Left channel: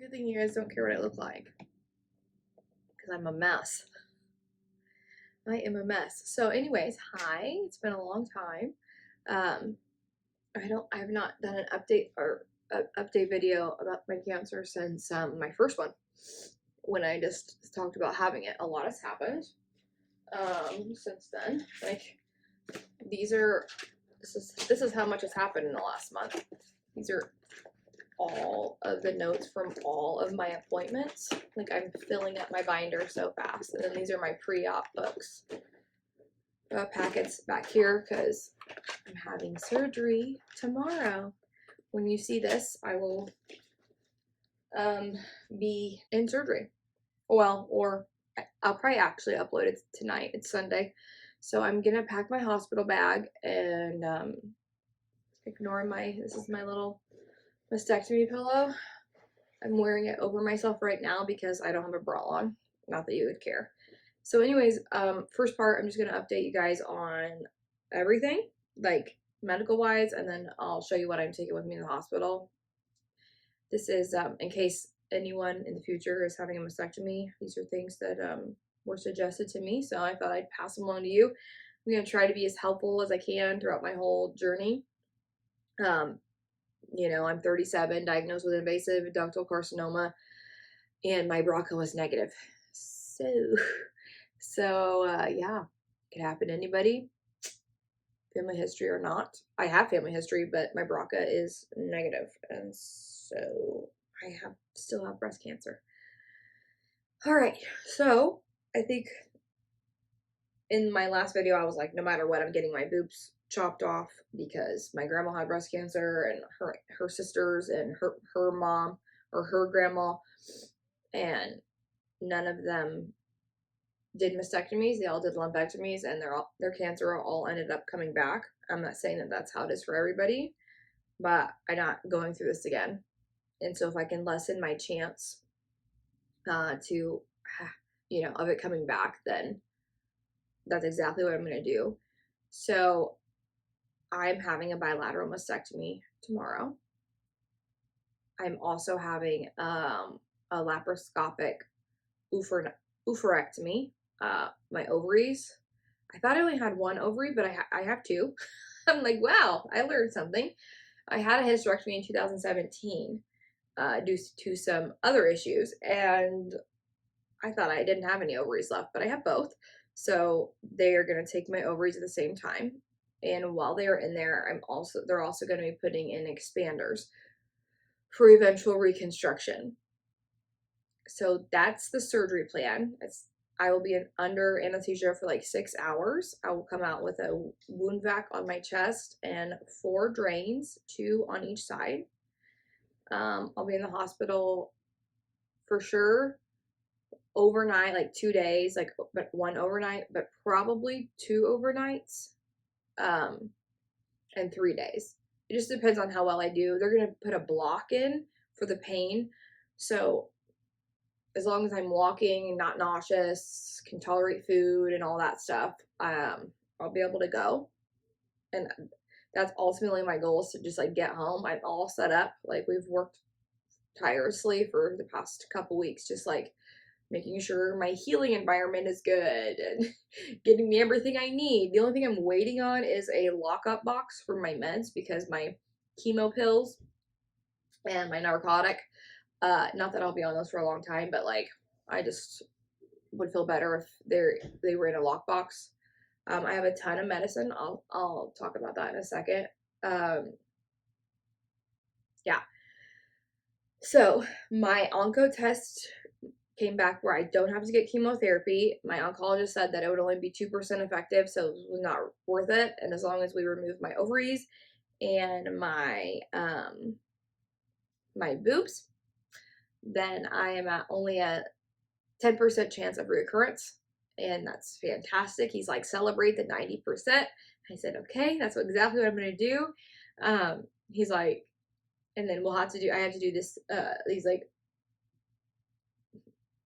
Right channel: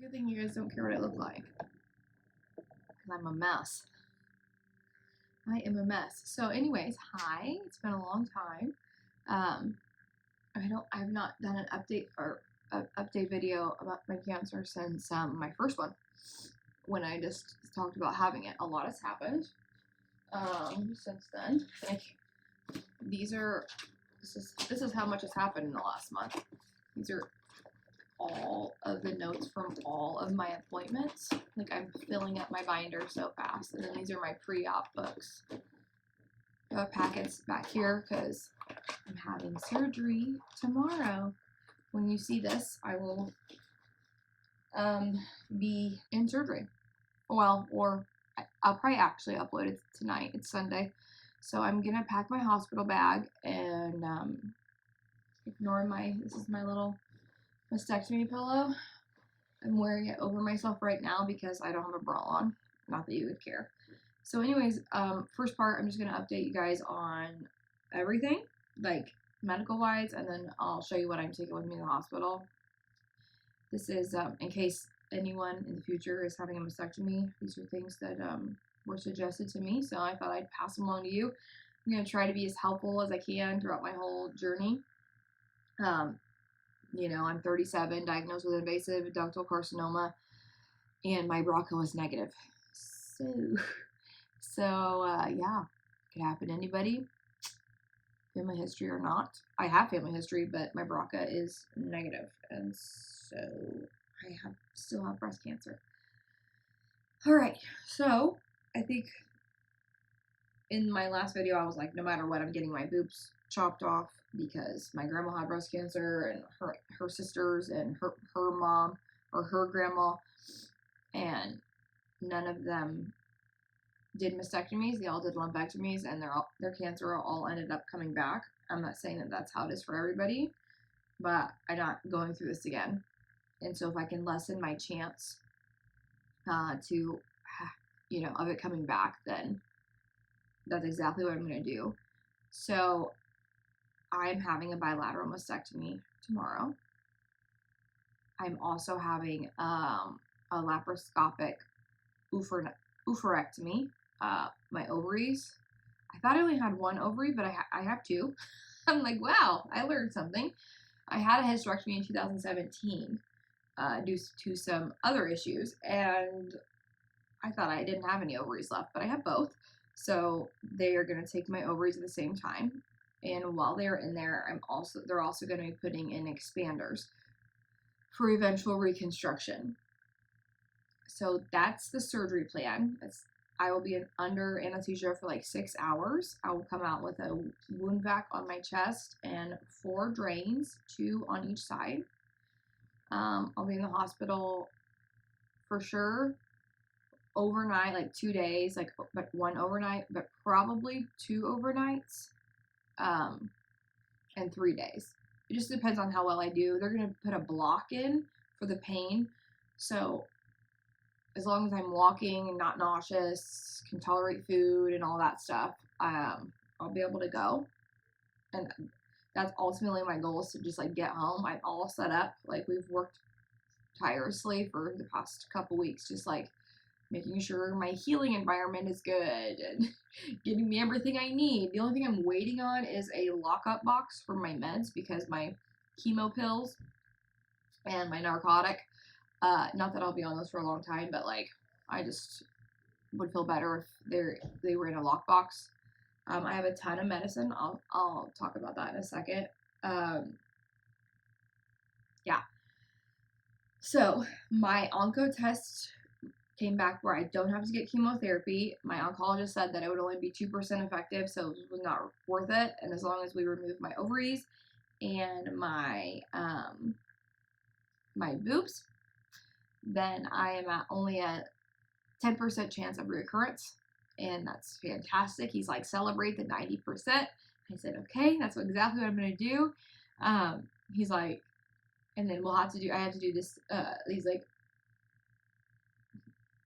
a good thing you guys don't care what I look like, because I'm a mess. I am a mess. So anyways, hi, it's been a long time. I've not done an update video about my cancer since my first one, when I just talked about having it. A lot has happened since then. Like, this is how much has happened in the last month. These are all of the notes from all of my appointments. Like, I'm filling up my binder so fast. And then these are my pre-op books. Packets back here because I'm having surgery tomorrow. When you see this, I will be in surgery. Well, or I'll probably actually upload it tonight. It's Sunday. So I'm gonna pack my hospital bag and ignore this is my little mastectomy pillow. I'm wearing it over myself right now because I don't have a bra on. Not that you would care. So anyways, first part, I'm just going to update you guys on everything, like medical wise, and then I'll show you what I'm taking with me in the hospital. This is in case anyone in the future is having a mastectomy. These are things that were suggested to me, so I thought I'd pass them along to you. I'm going to try to be as helpful as I can throughout my whole journey. You know, I'm 37, diagnosed with invasive ductal carcinoma, and my BRCA was negative. So yeah, could happen to anybody, family history or not. I have family history, but my BRCA is negative, and so I still have breast cancer. All right, so I think in my last video, I was like, no matter what, I'm getting my boobs chopped off because my grandma had breast cancer, and her sisters and her mom or her grandma, and none of them did mastectomies. They all did lumpectomies, and their cancer all ended up coming back. I'm not saying that that's how it is for everybody, but I'm not going through this again. And so if I can lessen my chance to, you know, of it coming back, then that's exactly what I'm going to do. So I'm having a bilateral mastectomy tomorrow. I'm also having a laparoscopic oophorectomy. My ovaries. I thought I only had one ovary, but I have two. I'm like, wow, I learned something. I had a hysterectomy in 2017 due to some other issues, and I thought I didn't have any ovaries left, but I have both. So they are going to take my ovaries at the same time, and while they are in there, they're also going to be putting in expanders for eventual reconstruction. So that's the surgery plan. I will be under anesthesia for like 6 hours. I will come out with a wound vac on my chest and 4 drains, 2 on each side. I'll be in the hospital for sure overnight, like 2 days, but 1 overnight, but probably 2 overnights, and 3 days. It just depends on how well I do. They're gonna put a block in for the pain, so as long as I'm walking, not nauseous, can tolerate food and all that stuff, I'll be able to go. And that's ultimately my goal, is to just like get home. I'm all set up. Like, we've worked tirelessly for the past couple weeks, just like making sure my healing environment is good and getting me everything I need. The only thing I'm waiting on is a lockup box for my meds, because my chemo pills and my narcotic, not that I'll be on those for a long time, but like, I just would feel better if they were in a lockbox. I have a ton of medicine. I'll talk about that in a second. Yeah. So my onco test came back where I don't have to get chemotherapy. My oncologist said that it would only be 2% effective, so it was not worth it. And as long as we remove my ovaries and my boobs, then I am only a 10% chance of recurrence, and that's fantastic. He's like, celebrate the 90%. I said, okay, that's exactly what I'm gonna do. He's like, and then I have to do this, these like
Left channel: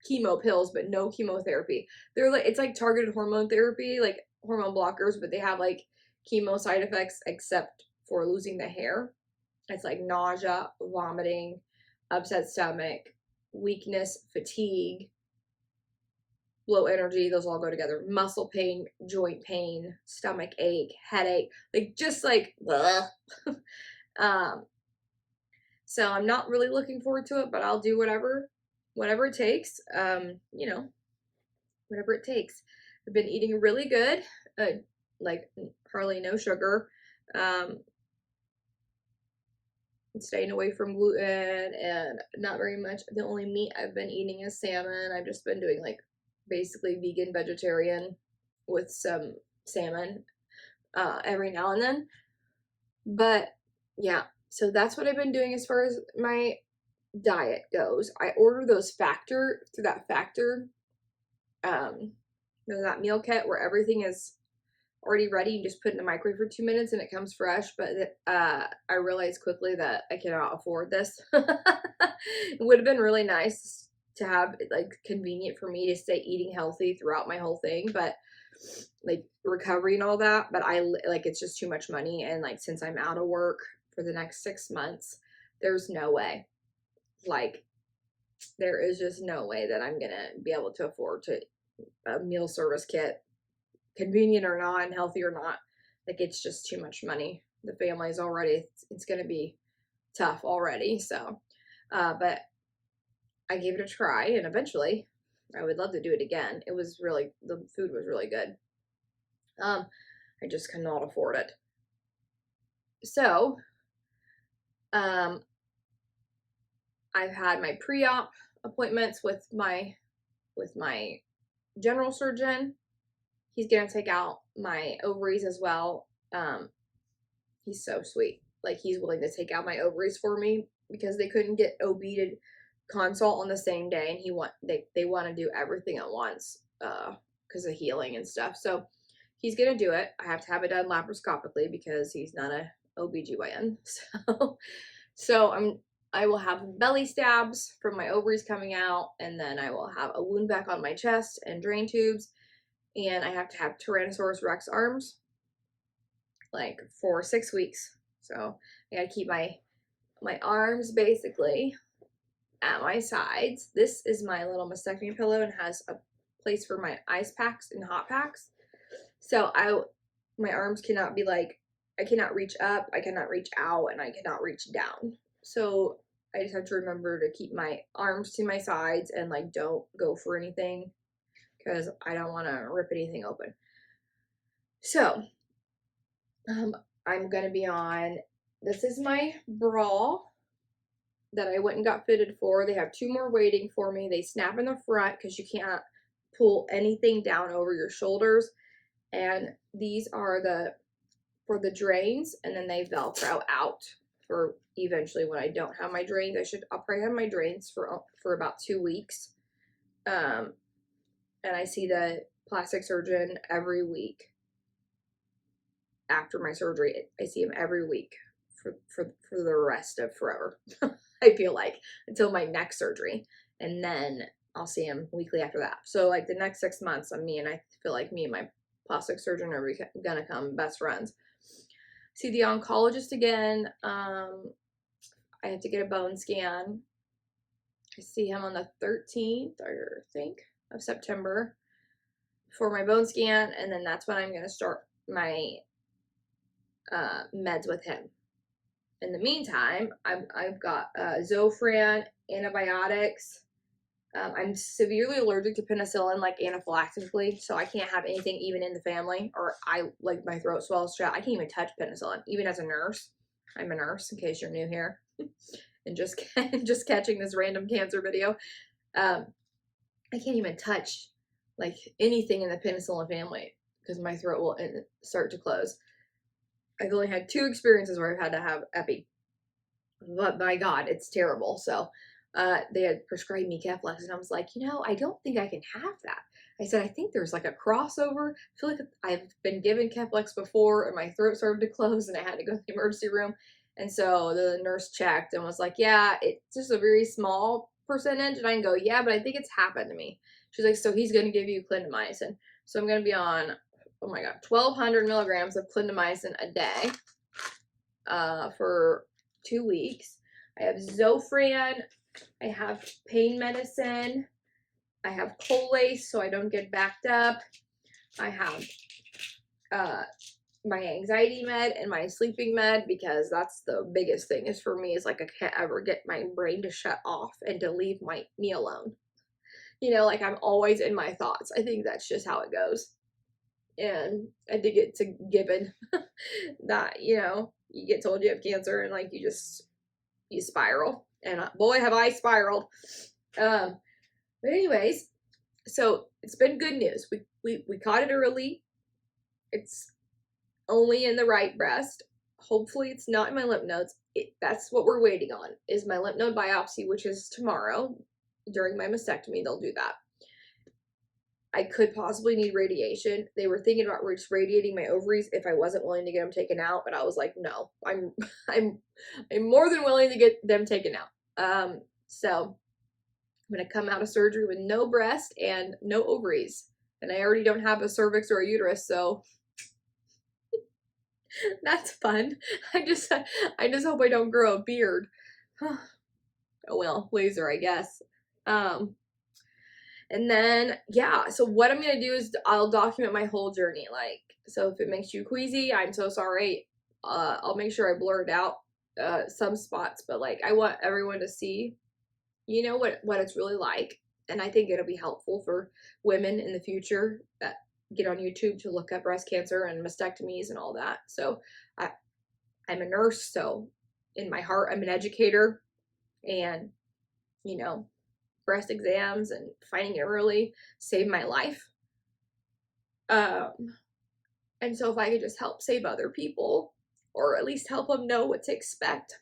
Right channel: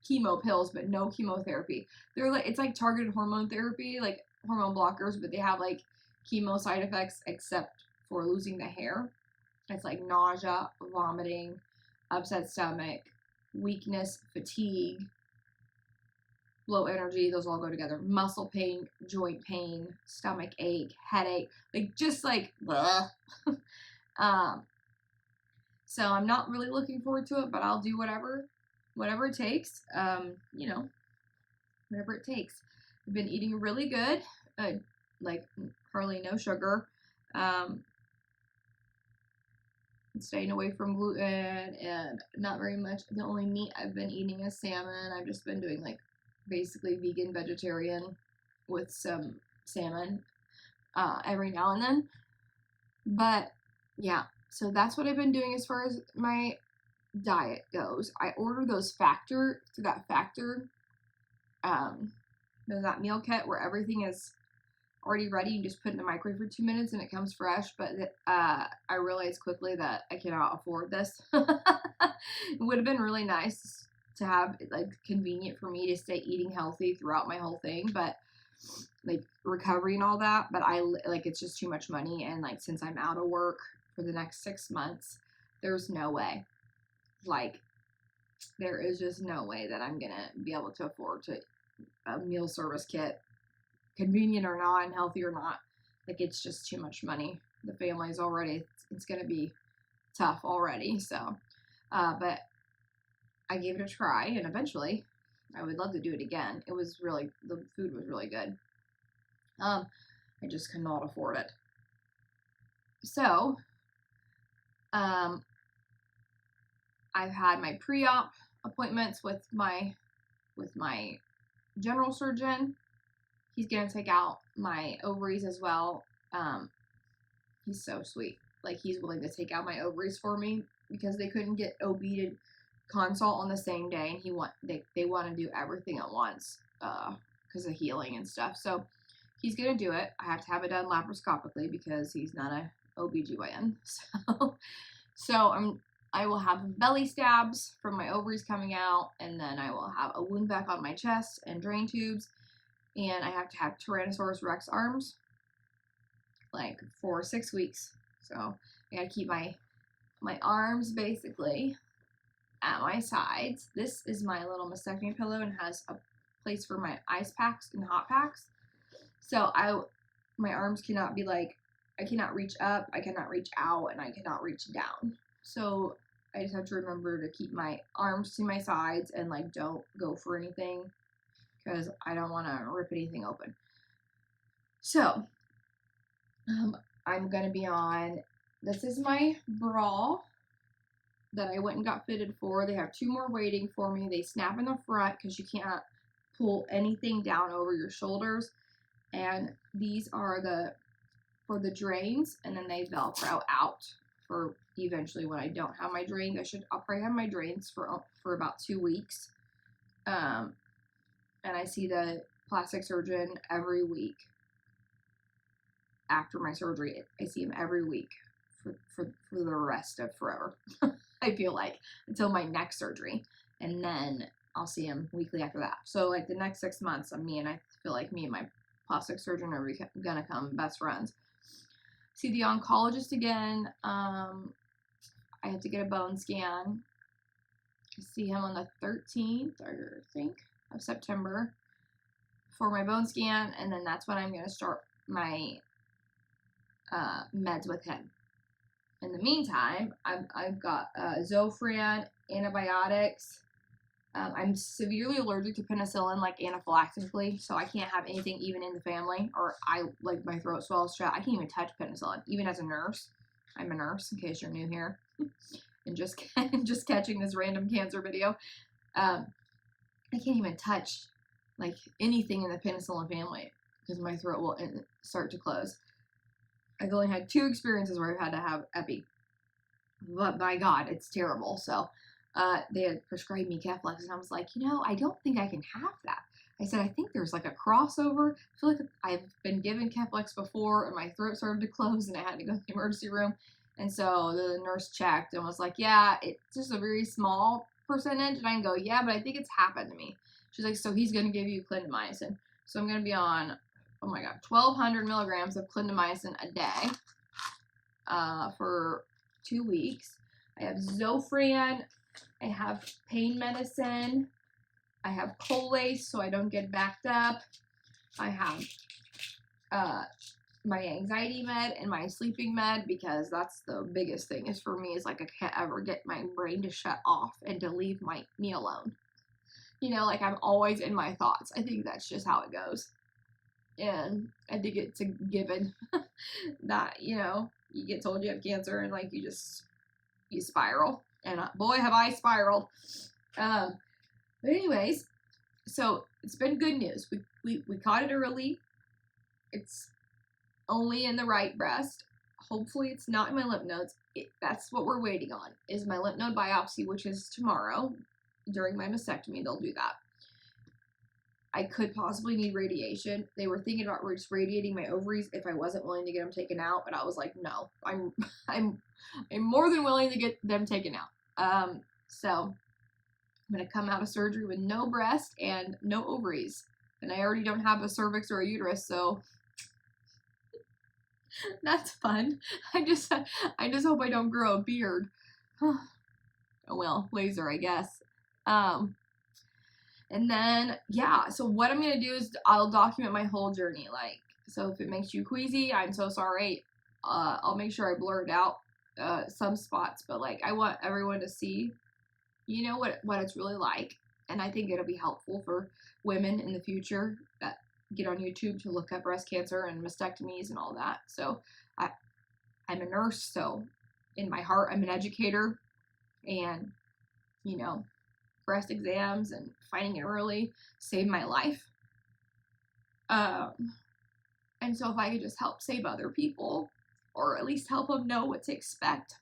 chemo pills, but no chemotherapy. They're like, it's like targeted hormone therapy, like hormone blockers, but they have like chemo side effects except for losing the hair. It's like nausea, vomiting, upset stomach, weakness, fatigue, low energy, those all go together. Muscle pain, joint pain, stomach ache, headache, like just like so I'm not really looking forward to it, but I'll do whatever it takes. You know, whatever it takes. I've been eating really good, like hardly no sugar, staying away from gluten and not very much. The only meat I've been eating is salmon. I've just been doing like basically vegan vegetarian with some salmon every now and then. But yeah, so that's what I've been doing as far as my diet goes. I order those Factor through that Factor, that meal kit where everything is already ready. You just put it in the microwave for 2 minutes and it comes fresh. But I realized quickly that I cannot afford this. It would have been really nice to have like convenient for me to stay eating healthy throughout my whole thing, but like recovery and all that. But I like it's just too much money, and like since I'm out of work for the next 6 months, there's no way. Like there is just no way that I'm gonna be able to afford to a meal service kit, convenient or not and healthy or not. Like it's just too much money. The family's already, it's gonna be tough already. So but I gave it a try, and eventually I would love to do it again. It was really, the food was really good. I just cannot afford it. So I've had my pre-op appointments with my general surgeon. He's gonna take out my ovaries as well. He's so sweet. Like he's willing to take out my ovaries for me because they couldn't get OB to consult on the same day, and they want to do everything at once because of healing and stuff. So he's gonna do it. I have to have it done laparoscopically because he's not a OBGYN. So I will have belly stabs from my ovaries coming out, and then I will have a wound back on my chest and drain tubes, and I have to have Tyrannosaurus Rex arms like for 6 weeks. So I gotta keep my arms basically at my sides. This is my little mastectomy pillow and has a place for my ice packs and hot packs. So my arms cannot be like, I cannot reach up, I cannot reach out, and I cannot reach down. So I just have to remember to keep my arms to my sides and like don't go for anything because I don't want to rip anything open. So I'm gonna be on, this is my bra that I went and got fitted for. They have 2 more waiting for me. They snap in the front because you can't pull anything down over your shoulders. And these are for the drains, and then they Velcro out for eventually when I don't have my drains. I'll probably have my drains for about 2 weeks. And I see the plastic surgeon every week. After my surgery, I see him every week for the rest of forever. I feel like until my next surgery, and then I'll see him weekly after that. So like the next 6 months, I feel like me and my plastic surgeon are gonna become best friends. See the oncologist again. I have to get a bone scan. I see him on the 13th, I think, of September for my bone scan, and then that's when I'm gonna start my meds with him. In the meantime, I've got Zofran, antibiotics. I'm severely allergic to penicillin, like anaphylactically, so I can't have anything even in the family, or like my throat swells shut. I can't even touch penicillin, even as a nurse. I'm a nurse, in case you're new here, and just catching this random cancer video. I can't even touch like anything in the penicillin family because my throat will start to close. I've only had 2 experiences where I've had to have epi, but by God, it's terrible. So they had prescribed me Keflex, and I was like, I don't think I can have that. I said, I think there's like a crossover. I feel like I've been given Keflex before, and my throat started to close, and I had to go to the emergency room. And so the nurse checked and was like, yeah, it's just a very small percentage. And I can go, yeah, but I think it's happened to me. She's like, so he's going to give you clindamycin. So I'm going to be on, oh my God, 1,200 milligrams of clindamycin a day for 2 weeks. I have Zofran. I have pain medicine. I have Colace so I don't get backed up. I have my anxiety med and my sleeping med, because that's the biggest thing is for me is like I can't ever get my brain to shut off and to leave me alone. You know, like I'm always in my thoughts. I think that's just how it goes. And I think it's a given that, you know, you get told you have cancer and like you spiral. And boy, have I spiraled. But anyways, so it's been good news. We caught it early. It's only in the right breast. Hopefully it's not in my lymph nodes. That's what we're waiting on, is my lymph node biopsy, which is tomorrow. During my mastectomy, they'll do that. I could possibly need radiation. They were thinking about just radiating my ovaries if I wasn't willing to get them taken out, but I was like, no, I'm more than willing to get them taken out. So I'm gonna come out of surgery with no breast and no ovaries, and I already don't have a cervix or a uterus, so that's fun. I just hope I don't grow a beard. Oh well, laser, I guess. And then, yeah, so what I'm going to do is I'll document my whole journey. Like, so if it makes you queasy, I'm so sorry. I'll make sure I blur it out, some spots, but like, I want everyone to see, you know, what it's really like. And I think it'll be helpful for women in the future that get on YouTube to look at breast cancer and mastectomies and all that. So I'm a nurse, so in my heart, I'm an educator, and, you know, breast exams and finding it early saved my life. And so if I could just help save other people, or at least help them know what to expect,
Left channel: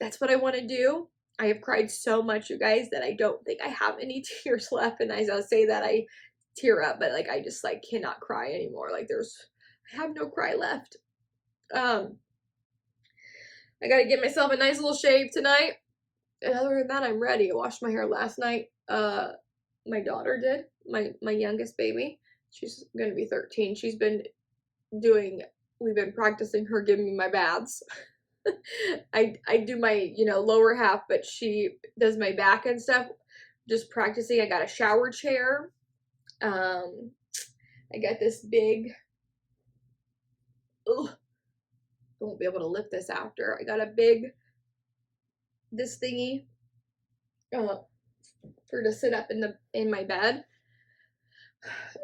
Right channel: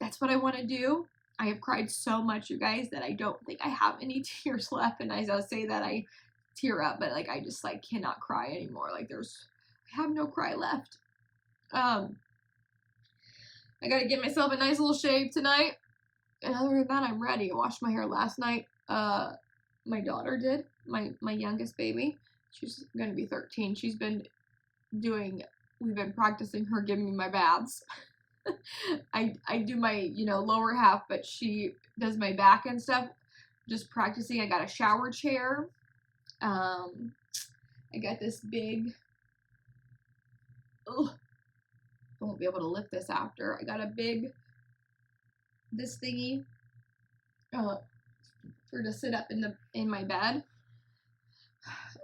that's what I want to do. I have cried so much, you guys, that I don't think I have any tears left. And as I say that, I tear up, but like I just like cannot cry anymore. Like I have no cry left. I gotta get myself a nice little shave tonight. And other than that, I'm ready. I washed my hair last night. My daughter did. My youngest baby. She's gonna be 13. We've been practicing her giving me my baths. I do my, you know, lower half, but she does my back and stuff. Just practicing. I got a shower chair. I got this big, I won't be able to lift this after. I got this thingy, for to sit up in my bed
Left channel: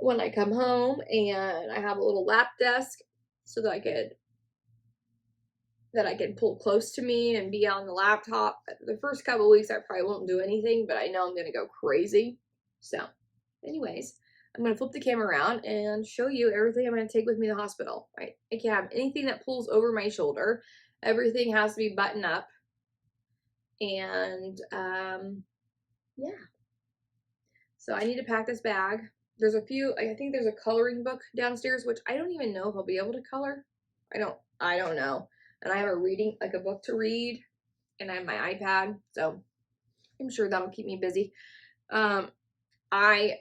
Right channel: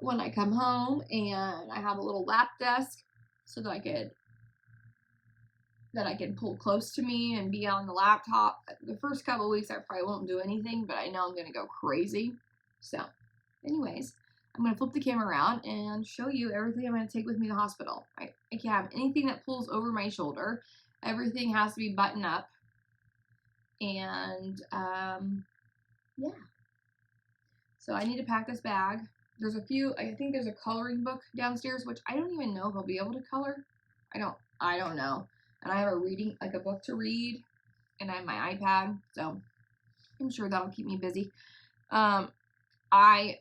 when I come home, and I have a little lap desk so that I can pull close to me and be on the laptop. The first couple of weeks I probably won't do anything, but I know I'm gonna go crazy. So anyways, I'm gonna flip the camera around and show you everything I'm gonna take with me to the hospital. I can't have anything that pulls over my shoulder. Everything has to be buttoned up. And yeah, so I need to pack this bag. There's I think there's a coloring book downstairs, which I don't even know if I'll be able to color. I don't know. And I have a book to read, and I have my iPad, so I'm sure that'll keep me busy. I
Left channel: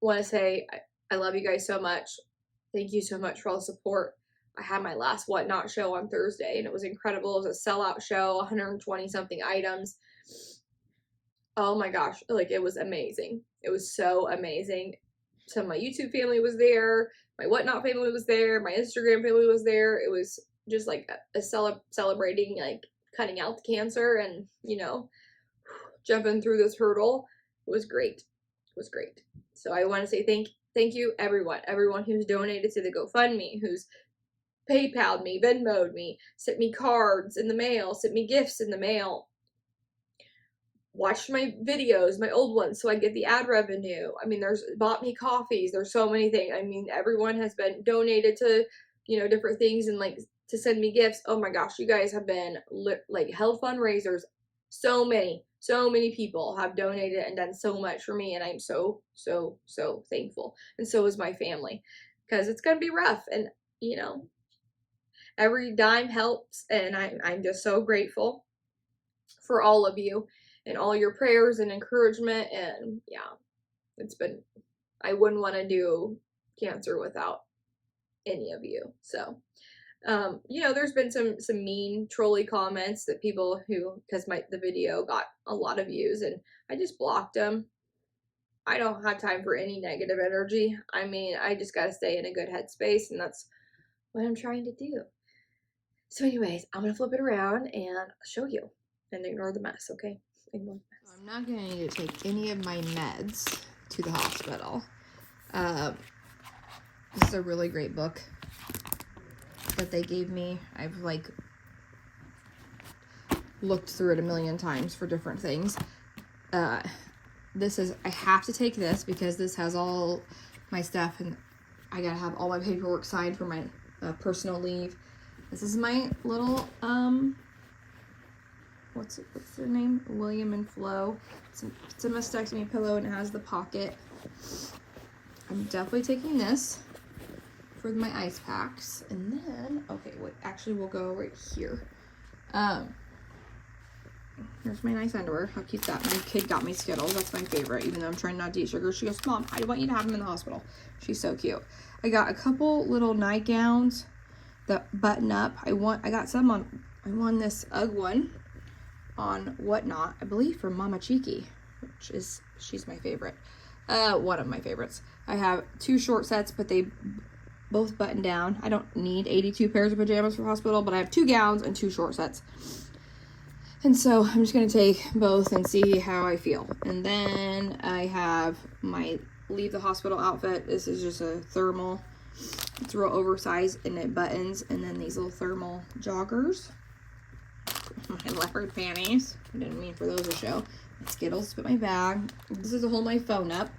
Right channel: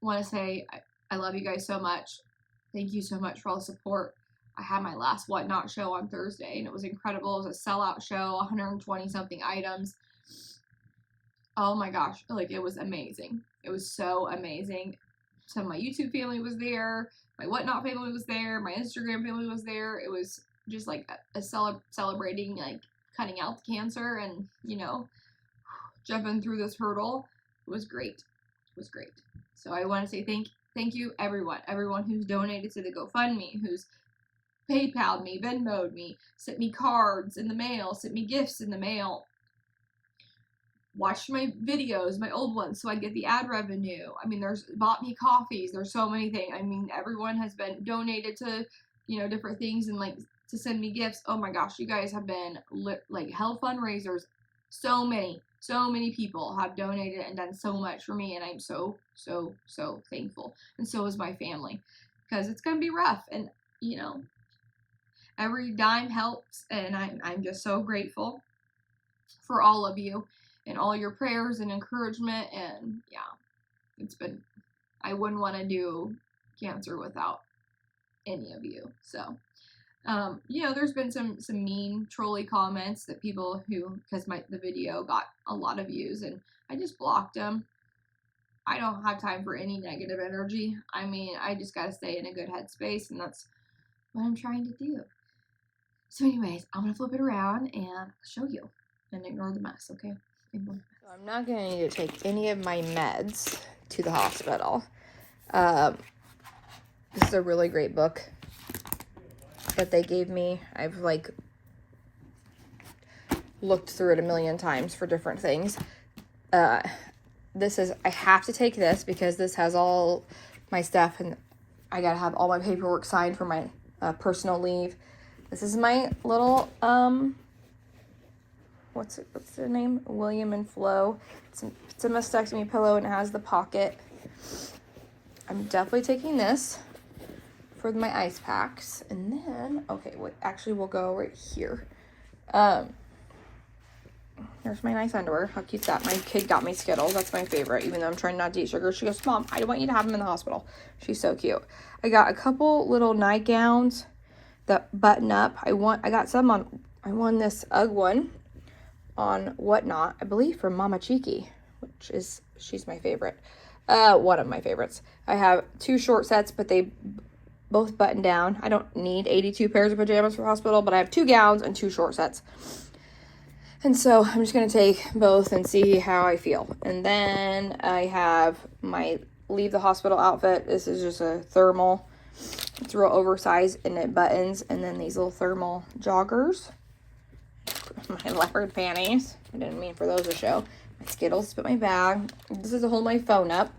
want to say I love you guys so much. Thank you so much for all the support. I had my last Whatnot show on Thursday, and it was incredible. It was a sellout show, 120 something items. Oh my gosh, like it was amazing. It was so amazing. So my YouTube family was there, my Whatnot family was there, my Instagram family was there. It was just like a celebrating, like cutting out the cancer and, you know, jumping through this hurdle. It was great. It was great. So I want to say thank you everyone who's donated to the GoFundMe, who's PayPal'd me, Venmo'd me, sent me cards in the mail, sent me gifts in the mail, watched my videos, my old ones, so I get the ad revenue. I mean, bought me coffees. There's so many things. I mean, everyone has been donated to, you know, different things and like to send me gifts. Oh my gosh, you guys have been like held fundraisers. So many people have donated and done so much for me, and I'm so thankful. And so is my family, because it's gonna be rough, and you know, every dime helps, and I'm just so grateful for all of you and all your prayers and encouragement. And yeah, I wouldn't want to do cancer without any of you. So You know, there's been some mean trolly comments that people who, because the video got a lot of views, and I just blocked them. I don't have time for any negative energy. I mean, I just gotta stay in a good headspace, and that's what I'm trying to do. So anyways, I'm gonna flip it around and show you, and ignore the mess, okay? Ignore the mess. So I'm not gonna need to take any of my meds to the hospital. This is a really great book that they gave me. I've like looked through it a million times for different things. This is, I have to take this because this has all my stuff, and I gotta have all my paperwork signed for my personal leave. This is my little, what's their name? William and Flo. It's a mastectomy pillow, and it has the pocket. I'm definitely taking this for my ice packs. And then, okay, wait, actually we'll go right here. Here's my nice underwear. How cute that. My kid got me Skittles. That's my favorite, even though I'm trying not to eat sugar. She goes, Mom, I want you to have them in the hospital. She's so cute. I got a couple little nightgowns that button up. I got some on, I won this UGG one on Whatnot, I believe from Mama Cheeky, which is, she's my favorite. One of my favorites. I have 2 short sets, but they both button down. I don't need 82 pairs of pajamas for hospital, but I have 2 gowns and 2 short sets. And so I'm just going to take both and see how I feel. And then I have my leave the hospital outfit. This is just a thermal. It's real oversized and it buttons. And then these little thermal joggers. My leopard panties. I didn't mean for those to show. My Skittles, but my bag. This is to hold my phone up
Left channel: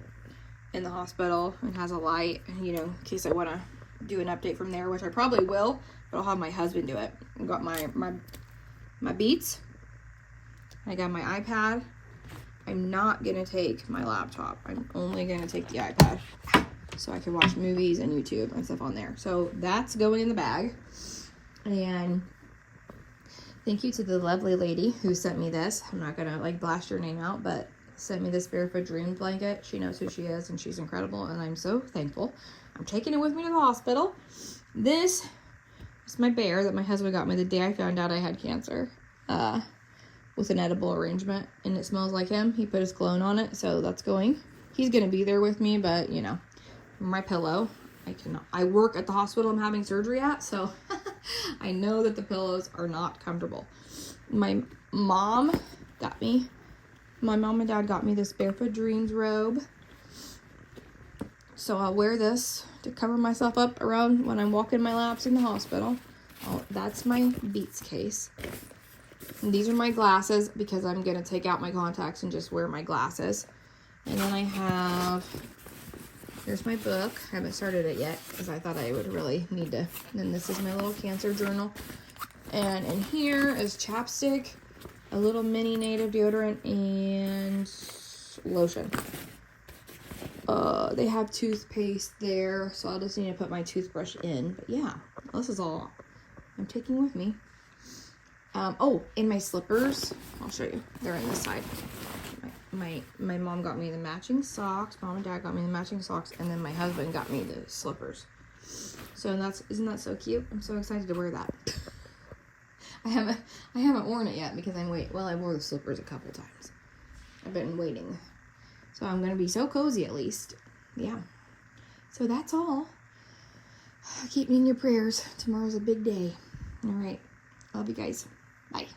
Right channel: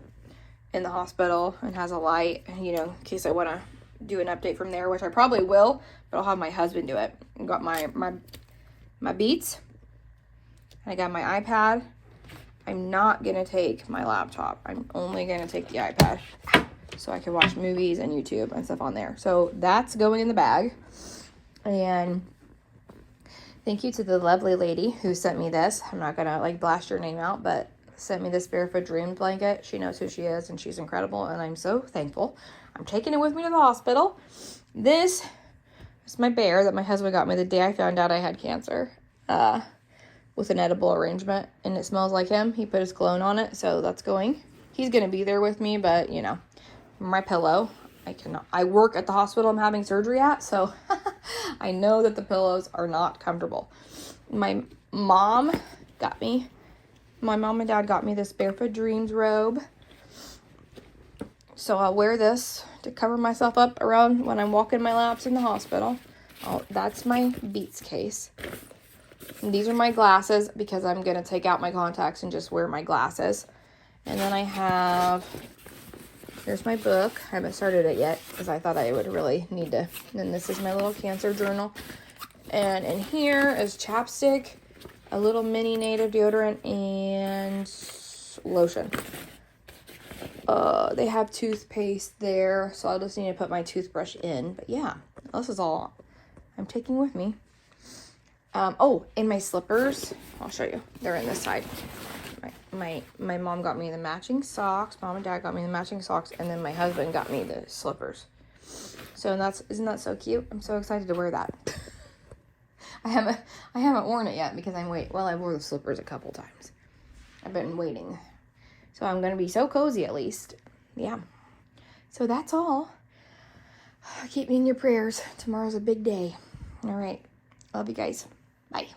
in the hospital and has a light, you know, in case I want to do an update from there, which I probably will, but I'll have my husband do it. I've got my Beats. I got my iPad. I'm not gonna take my laptop. I'm only gonna take the iPad so I can watch movies and YouTube and stuff on there. So that's going in the bag. And thank you to the lovely lady who sent me this. I'm not gonna like blast her name out, but sent me this Barefoot Dream blanket. She knows who she is and she's incredible, and I'm so thankful. I'm taking it with me to the hospital. This is my bear that my husband got me the day I found out I had cancer. With an edible arrangement, and it smells like him. He put his cologne on it, so that's going. He's gonna be there with me, but you know, my pillow, I work at the hospital I'm having surgery at, so I know that the pillows are not comfortable. My mom and dad got me this Barefoot Dreams robe, so I'll wear this to cover myself up around when I'm walking my laps in the hospital. Oh, that's my Beats case. And these are my glasses because I'm going to take out my contacts and just wear my glasses. And then I have, here's my book. I haven't started it yet because I thought I would really need to. And then this is my little cancer journal. And in here is chapstick, a little mini native deodorant, and lotion. They have toothpaste there, so I'll just need to put my toothbrush in. But yeah, this is all I'm taking with me. Oh, and my slippers, I'll show you. They're in this side. My mom got me the matching socks. Mom and dad got me the matching socks, and then my husband got me the slippers. So isn't that so cute? I'm so excited to wear that. I haven't worn it yet because I wore the slippers a couple times. I've been waiting. So I'm gonna be so cozy at least. Yeah. So that's all. Keep me in your prayers. Tomorrow's a big day. All right. Love you guys. Bye.